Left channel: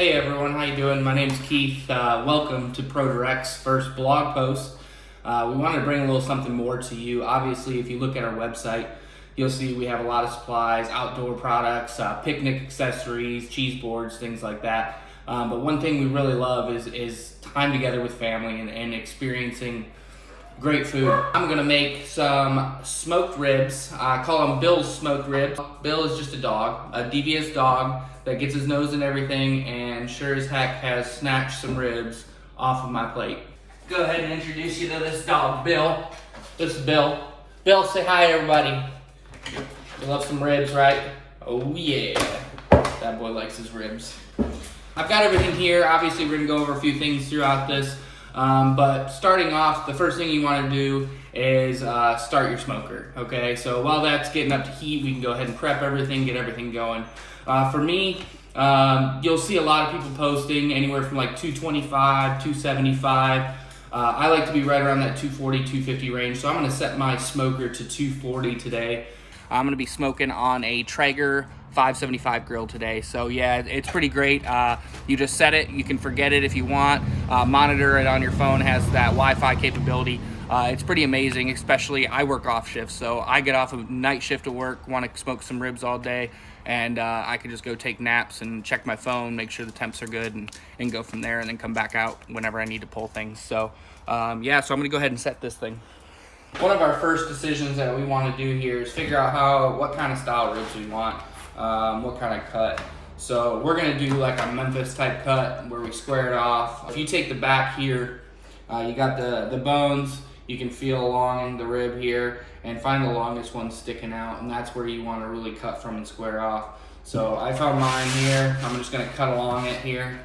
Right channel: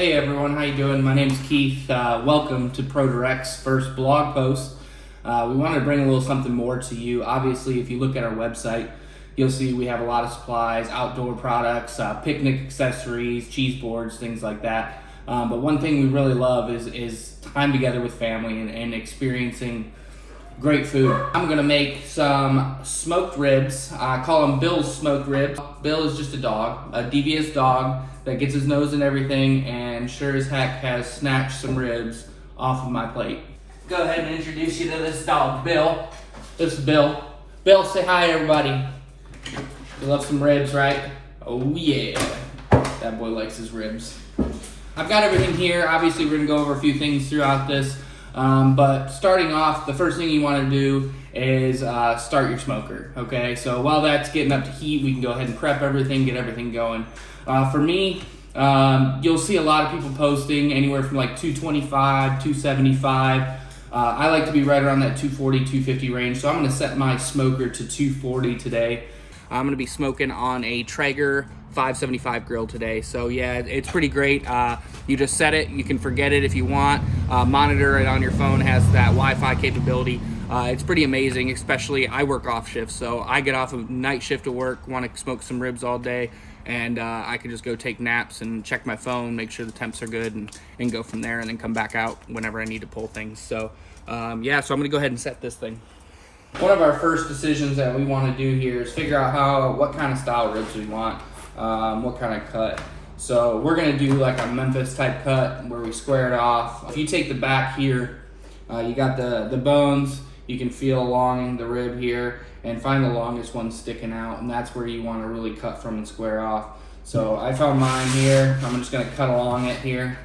Hey everyone, how you doing? My name's Keith. Welcome to ProDirect's first blog post. We wanted to bring a little something more to you. Obviously, if you look at our website, you'll see we have a lot of supplies, outdoor products, picnic accessories, cheese boards, things like that. But one thing we really love is time together with family and experiencing great food. I'm gonna make some smoked ribs. I call them Bill's smoked ribs. Bill is just a dog, a devious dog that gets his nose in everything and sure as heck has snatched some ribs off of my plate. Go ahead and introduce you to this dog, Bill. This is Bill. Bill, say hi to everybody. You love some ribs, right? Oh yeah, that boy likes his ribs. I've got everything here. Obviously, we're gonna go over a few things throughout this. But starting off, the first thing you want to do is start your smoker, okay? So while that's getting up to heat, we can go ahead and prep everything, get everything going. For me, you'll see a lot of people posting anywhere from like 225, 275. I like to be right around that 240, 250 range, so I'm going to set my smoker to 240 today. I'm going to be smoking on a Traeger 575 grill today. So yeah, it's pretty great. You just set it, you can forget it if you want. Monitor it on your phone, has that Wi-Fi capability. It's pretty amazing, especially I work off shift. So I get off of night shift to work, want to smoke some ribs all day, and I can just go take naps and check my phone, make sure the temps are good, and go from there, and then come back out whenever I need to pull things. So yeah, so I'm gonna go ahead and set this thing. One of our first decisions that we want to do here is figure out what kind of style ribs we want, what kind of cut. So we're going to do like a Memphis type cut where we square it off. If you take the back here, you got the bones, you can feel along the rib here and find the longest one sticking out, and that's where you want to really cut from and square off. So I found mine here. I'm just going to cut along it here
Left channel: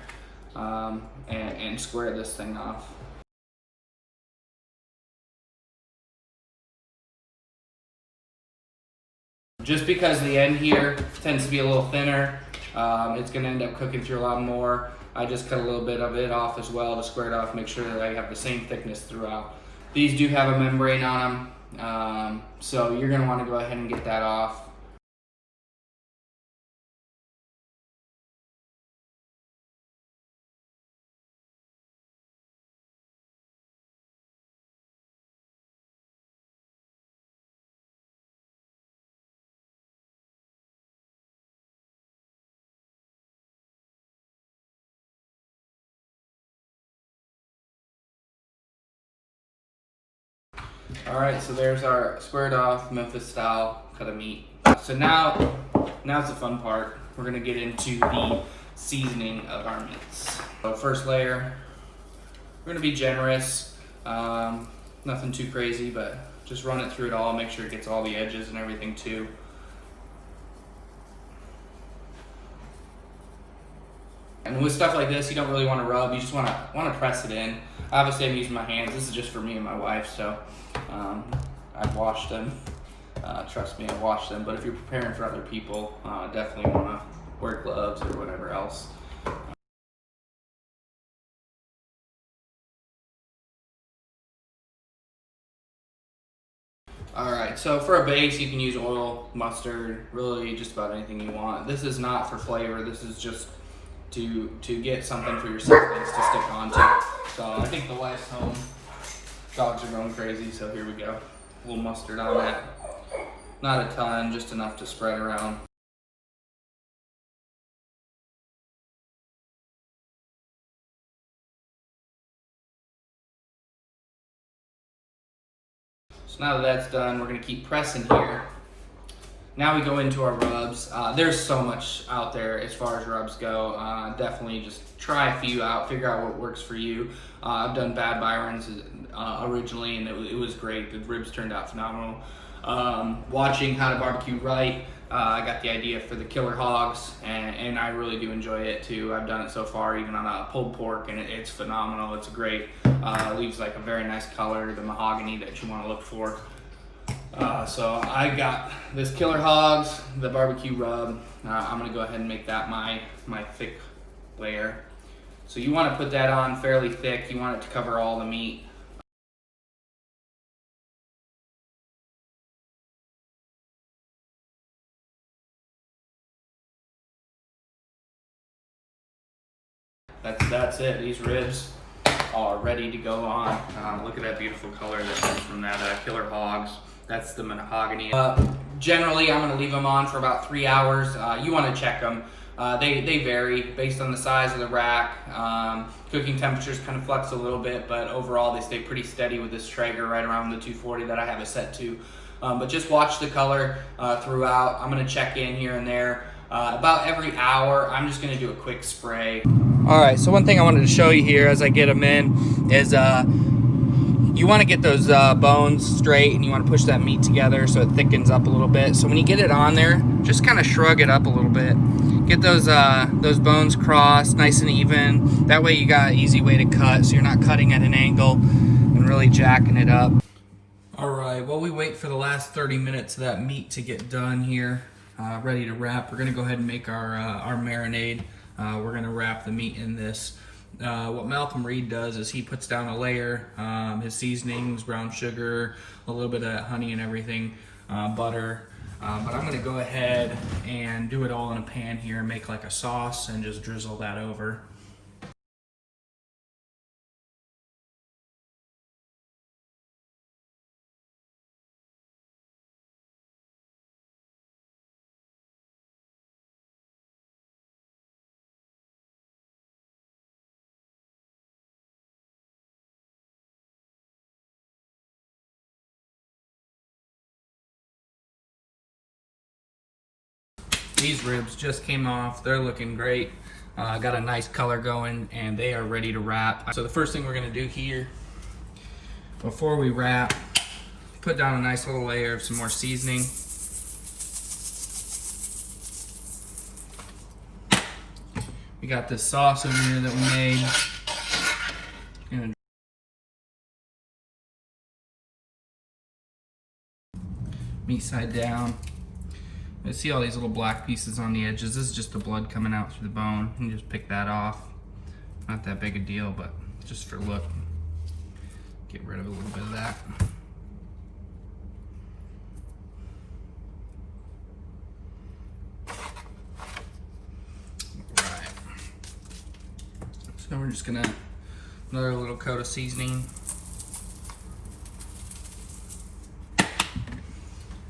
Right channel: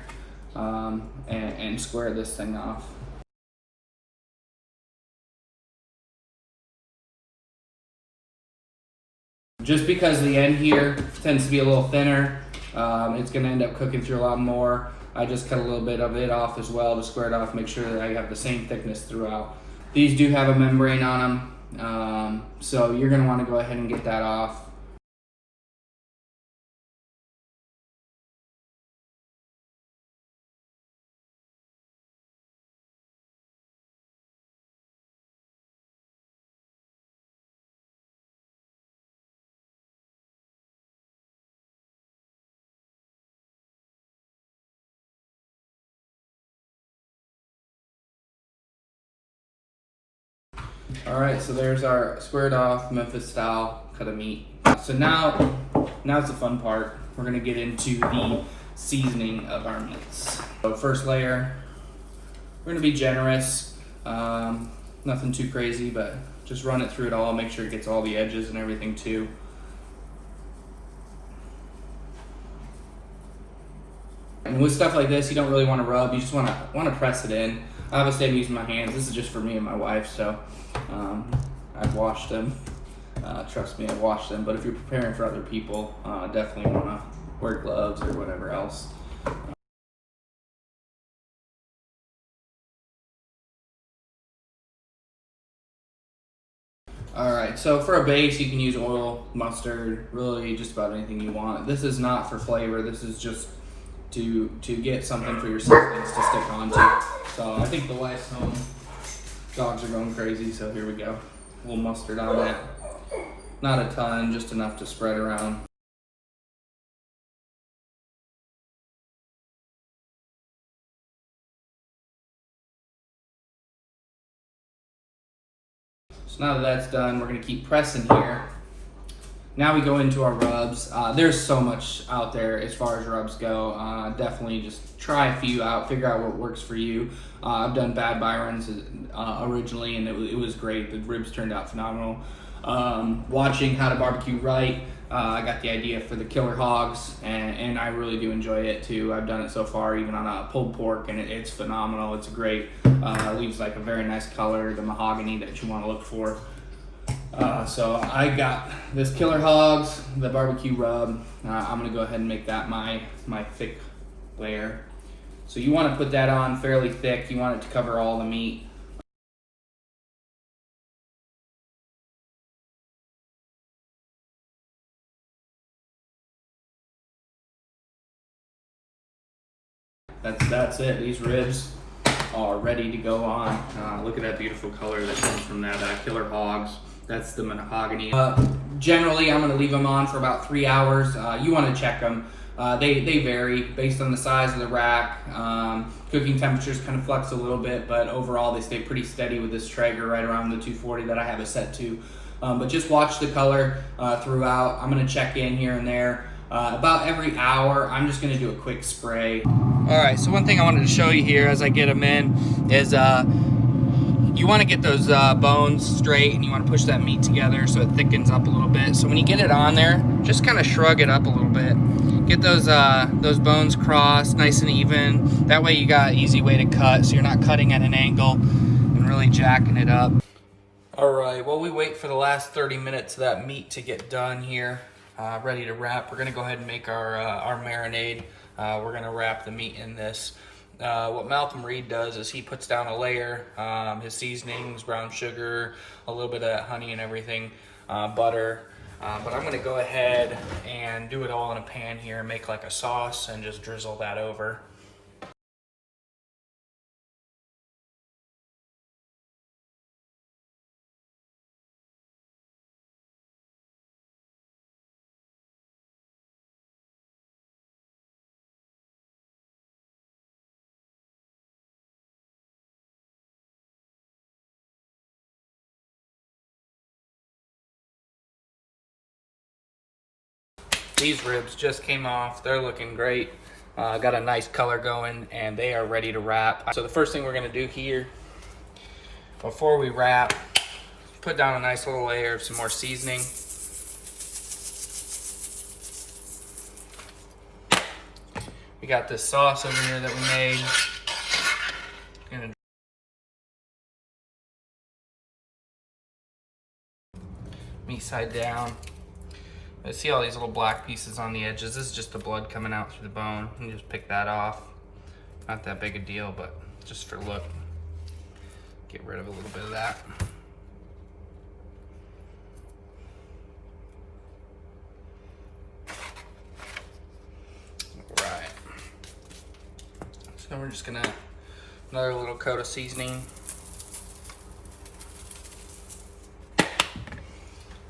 and square this thing off. Just because the end here tends to be a little thinner, it's going to end up cooking through a lot more. I just cut a little bit of it off as well to square it off, make sure that I have the same thickness throughout. These do have a membrane on them, so you're going to want to go ahead and get that off. All right, so there's our squared off Memphis style cut of meat. So now's the fun part. We're gonna get into the seasoning of our meats. So first layer, we're gonna be generous. Nothing too crazy, but just run it through it all, make sure it gets all the edges and everything too. And with stuff like this, you don't really want to rub, you just want to press it in. Obviously I'm using my hands, this is just for me and my wife, so I've washed them. Trust me, I've washed them, but if you're preparing for other people, definitely want to wear gloves or whatever else. Alright, so for a base you can use oil, mustard, really just about anything you want. This is not for flavor, this is just to get something for your seasonings to stick onto. So I think the wife's home. Dogs are going crazy, so here we go. A little mustard on it. Not a ton, just enough to spread around. So now that that's done, we're gonna keep pressing here. Now we go into our rubs. There's so much out there as far as rubs go. Definitely just try a few out, figure out what works for you. I've done Bad Byron's originally, and it was great. The ribs turned out phenomenal. Watching How to Barbecue Right, I got the idea for the Killer Hogs, and I really do enjoy it too. I've done it so far, even on a pulled pork, and it's phenomenal. It's great. It leaves like a very nice color, the mahogany that you want to look for. So I got this Killer Hogs, the barbecue rub. I'm gonna go ahead and make that my thick layer. So you want to put that on fairly thick. You want it to cover all the meat. that's it. These ribs are ready to go on. Look at that beautiful color that comes from that killer hogs. That's the mahogany. Generally, I'm gonna leave them on for about 3 hours. You wanna check them. They vary based on the size of the rack. Cooking temperatures kind of flex a little bit, but overall they stay pretty steady with this Traeger right around the 240 that I have it set to. But just watch the color throughout. I'm gonna check in here and there. About every hour, I'm just gonna do a quick spray. All right, so one thing I wanted to show you here as I get them in is you wanna get those bones straight, and you wanna push that meat together so it thickens up a little bit. So when you get it on there, just kind of shrug it up a little bit. Get those bones crossed nice and even. That way you got an easy way to cut, so you're not cutting at an angle and really jacking it up. All right, while we wait for the last 30 minutes of that meat to get done here, ready to wrap, we're gonna go ahead and make our marinade. We're gonna wrap the meat in this. What Malcolm Reed does is he puts down a layer, his seasonings, brown sugar, a little bit of honey and everything, butter. But I'm gonna go ahead and do it all in a pan here and make like a sauce and just drizzle that over. These ribs just came off. They're looking great. Got a nice color going, and they are ready to wrap. So the first thing we're gonna do here, before we wrap, put down a nice little layer of some more seasoning. We got this sauce over here that we made. Gonna meat side down. I see all these little black pieces on the edges. This is just the blood coming out through the bone. You just pick that off. Not that big a deal, but just for look. Get rid of a little bit of that. All right. So we're just gonna, another little coat of seasoning.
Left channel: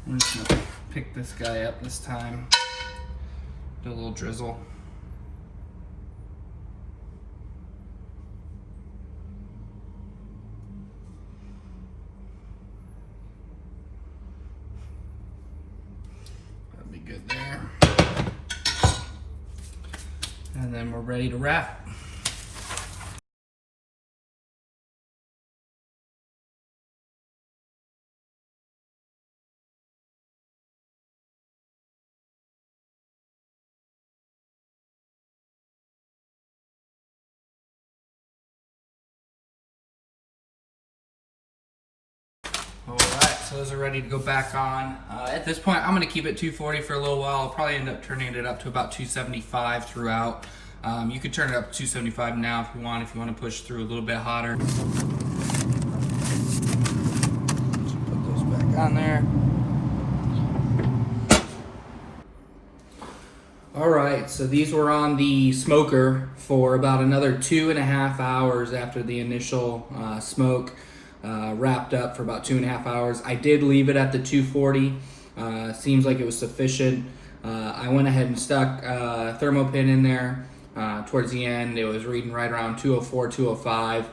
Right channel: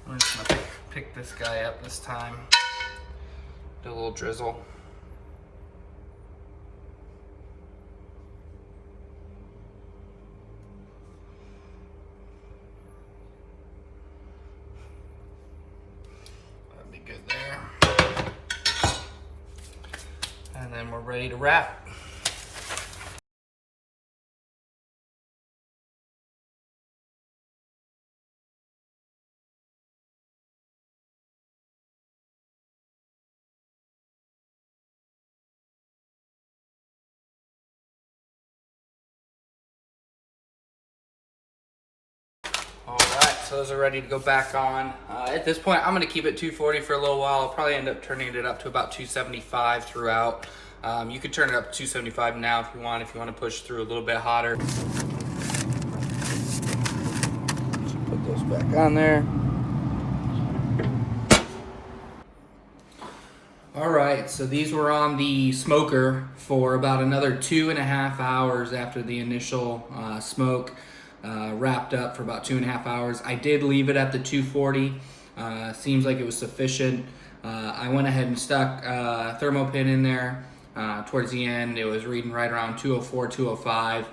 We're just gonna pick this guy up this time. Do a little drizzle. That'd be good there. And then we're ready to wrap. All right, so those are ready to go back on. At this point, I'm gonna keep it 240 for a little while. I'll probably end up turning it up to about 275 throughout. You could turn it up to 275 now if you want to push through a little bit hotter. Just put those back on there. All right, so these were on the smoker for about another 2.5 hours after the initial smoke. Wrapped up for about 2.5 hours. I did leave it at the 240. Seems like it was sufficient. I went ahead and stuck a thermo pin in there. Towards the end, it was reading right around 204, 205.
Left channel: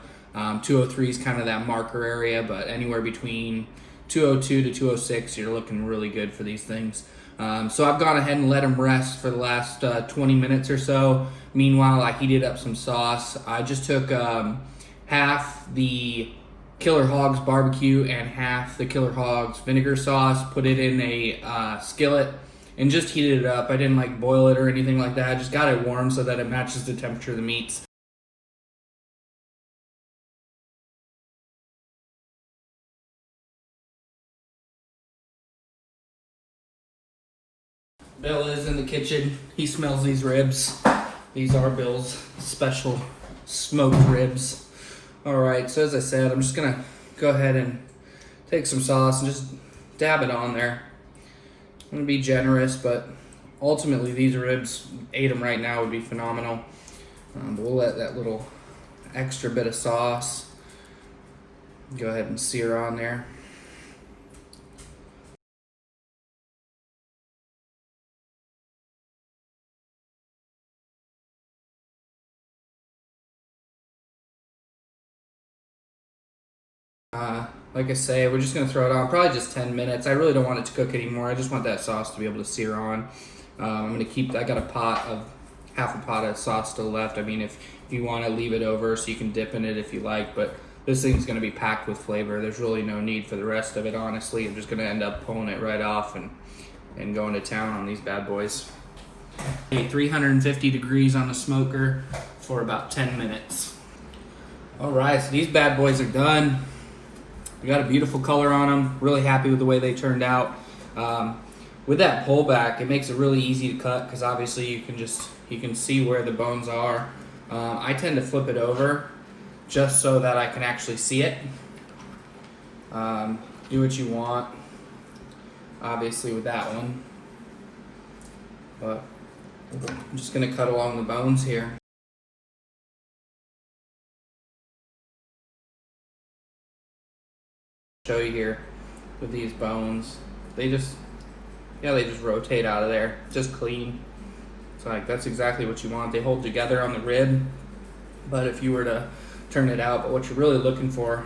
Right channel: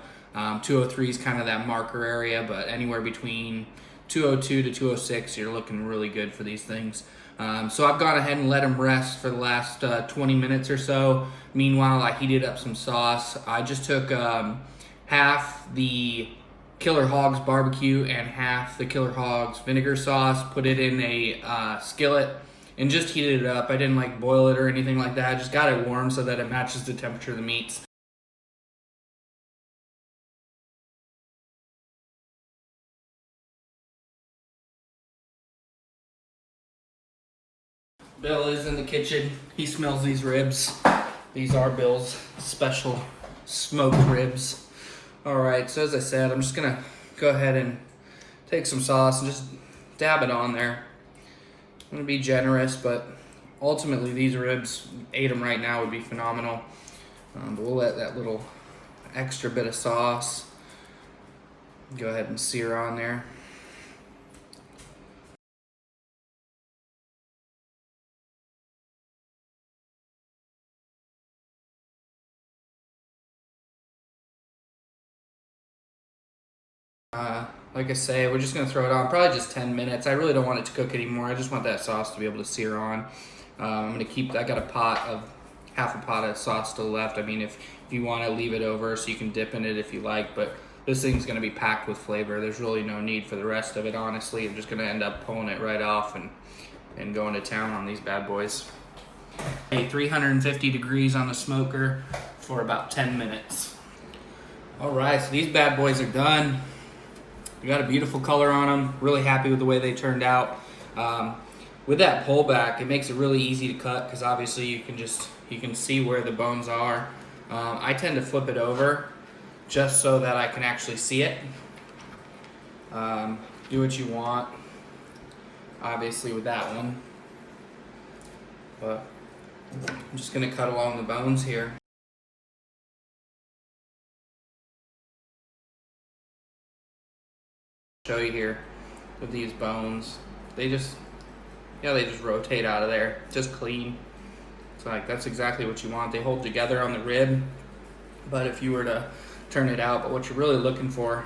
203 is kind of that marker area, but anywhere between 202 to 206, you're looking really good for these things. So I've gone ahead and let them rest for the last 20 minutes or so. Meanwhile, I heated up some sauce. I just took half the Killer Hogs barbecue and half the Killer Hogs vinegar sauce, put it in a skillet, and just heated it up. I didn't like boil it or anything like that. I just got it warm so that it matches the temperature of the meats. Bill is in the kitchen. He smells these ribs. These are Bill's special smoked ribs. All right, so as I said, I'm just gonna go ahead and take some sauce and just dab it on there. I'm gonna be generous, but ultimately these ribs, ate them right now, would be phenomenal. But we'll let that little extra bit of sauce go ahead and sear on there. Like I say, we're just gonna throw it on, probably just 10 minutes. I really don't want it to cook anymore. I just want that sauce to be able to sear on. I'm gonna keep, I got half a pot of sauce still left. I mean, if you wanna leave it over so you can dip in it if you like, but this thing's gonna be packed with flavor. There's really no need for the rest of it, honestly. I'm just gonna end up pulling it right off and going to town on these bad boys. 350 degrees on the smoker for about 10 minutes. All right, so these bad boys are done. We got a beautiful color on them. Really happy with the way they turned out. With that pullback, it makes it really easy to cut because obviously you can see where the bones are. I tend to flip it over just so that I can actually see it. Do what you want, obviously with that one. But I'm just gonna cut along the bones here. Show you here with these bones, they just rotate out of there, just clean. It's like, that's exactly what you want. They hold together on the rib, but if you were to turn it out, but what you're really looking for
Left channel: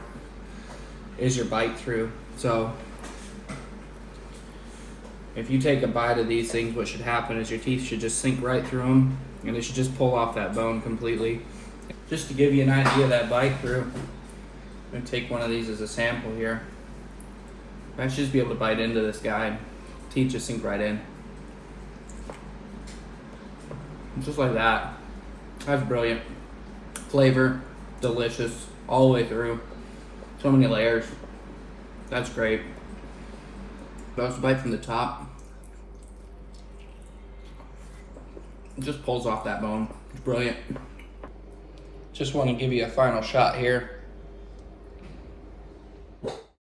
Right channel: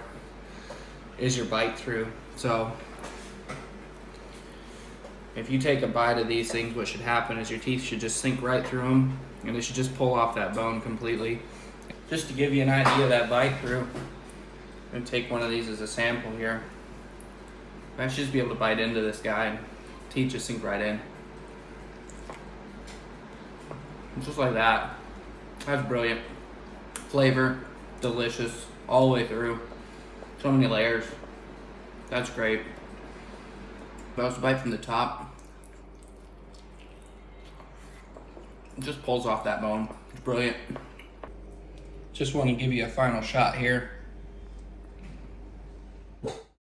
is your bite through. So if you take a bite of these things, what should happen is your teeth should just sink right through them, and they should just pull off that bone completely. Just to give you an idea of that bite through, I'm gonna take one of these as a sample here. I should just be able to bite into this guy and teeth just sink right in. Just like that. That's brilliant. Flavor, delicious, all the way through. So many layers. That's great. Let's bite from the top. It just pulls off that bone. It's brilliant. Just want to give you a final shot here.